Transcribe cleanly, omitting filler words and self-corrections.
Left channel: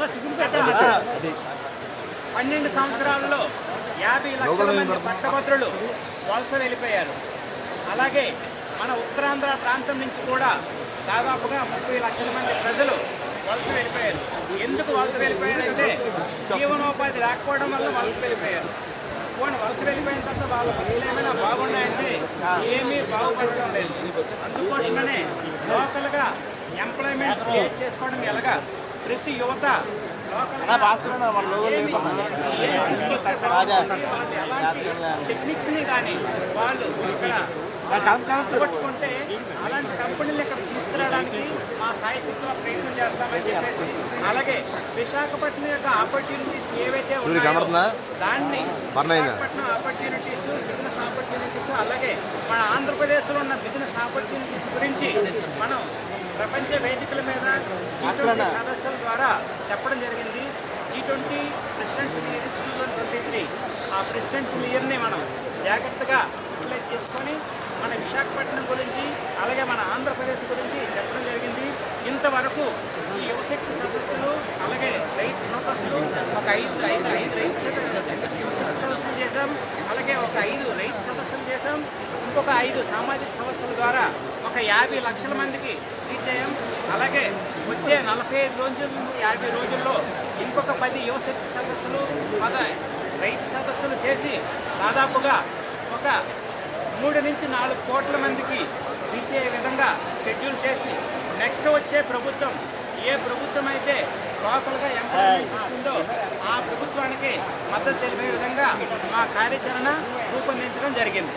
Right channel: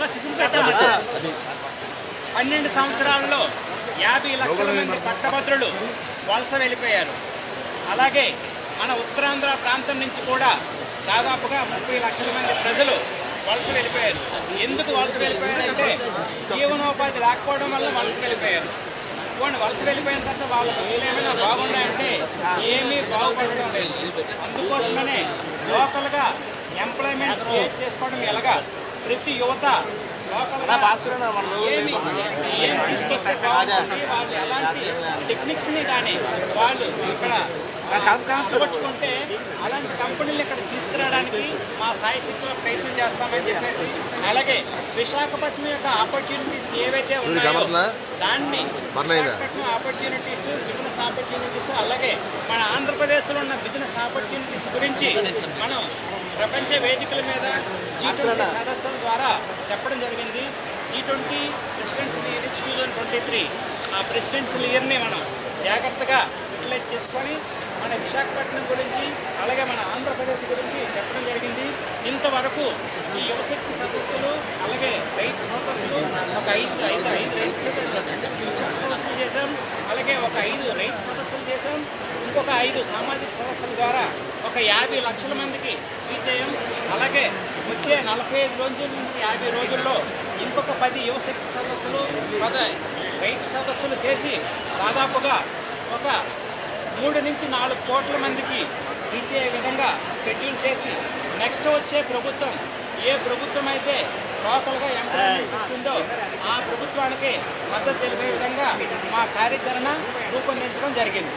గత 12 సంవత్సరాల్లో 50 లక్షల మంది పట్టభద్రులు వలస వెళ్ళిపోయారు. అలాగే మన ఉత్తరాంధ్ర ప్రాంతం నుంచి కూడా దాదాపుగా 30 లక్షల మంది ప్రజలు వలస వెళ్ళిపోయారు. ఎందుకు వలస వెళ్ళిపోయారంటే జీవనోపాధి లేకపోవడం వల్ల వలస వెళ్ళిపోయారు. వలస వెళ్ళిపోయిన తర్వాత వాళ్ళ బతుకులు ఏమైనా బాగున్నాయంటే ఏమీ బాగుపడడం లేదు. అందుకోసమనే లోకల్గా ఎంప్లాయ్మెంట్ క్రియేట్ చేసుకోవడం ఎలాగా ప్రతి యువత లోకల్గా ఏమి తీసుకొస్తే బాగుంటుంది, వాళ్ళు ఎలాంటి టెక్నిక్స్ని కానీ వాళ్ళు ఇక్కడ అలవర్చుకుంటే అలాంటి కంపెనీలు ఇక్కడ తీసుకురావడానికి మా సాయశక్తిలో ప్రయత్నం చేస్తామని చెప్పేసి, అలాగే విశాఖపట్నం యొక్క ఆపర్చునిటీస్ ఏవైతే ఉన్నాయో దాన్ని విశాఖపట్నం ఆపర్చునిటీస్, బిజినెస్ ఆపర్చునిటీస్, అలాగే మన ఆంధ్రప్రదేశ్లో ఉన్న బిజినెస్ ఆపర్చునిటీస్ గురించి మనం ప్రపంచ వేదికల మీద G20 సదస్సుల ద్వారా చెప్పడం జరిగింది. G20 ప్రెసిడెన్షియల్ ఇయర్ 2023 ఆ ప్రెసిడెన్షియల్ ఇయర్ని మనం జాగ్రత్తగా యూటిలైజ్ చేసుకొని మన విశాఖపట్నం గురించి అలాగే మన ఆంధ్రప్రదేశ్ గురించి చెప్పడం జరిగింది. ఇంతవరకు ఈ యువశక్తి సదస్సులు అలాగే రైతు సదస్సులు ఒక ఐదు యువశక్తి సదస్సులు చేశాం, అలాగే ఒక 5 రైతు సదస్సులు చేశాం, ఇంకొక 5 సామాజిక సదస్సుల ద్వారా ఒక 50 లక్షల మందికి రీచ్ అయ్యాం. అలాగే వచ్చే 45 రోజుల నుంచి 50 రోజుల్లో ఇంకొక 10 యువశక్తి సదస్సులు 10 రైతు సదస్సులు చేసి దాదాపుగా ఒక 3 నుంచి 4 కోట్ల మందికి రీచ్ అయ్యే విధంగా షెడ్యూల్ చేసి నెక్స్ట్ వచ్చే ప్రభుత్వం ఏ ప్రభుత్వం అయితే లోకల్గా ఎంప్లాయ్మెంట్ ఇస్తుందో ఆ ప్రభుత్వానికి మద్దతు తెలిపే విధంగా మా కార్యాచరణ రూపొందించడం జరిగింది.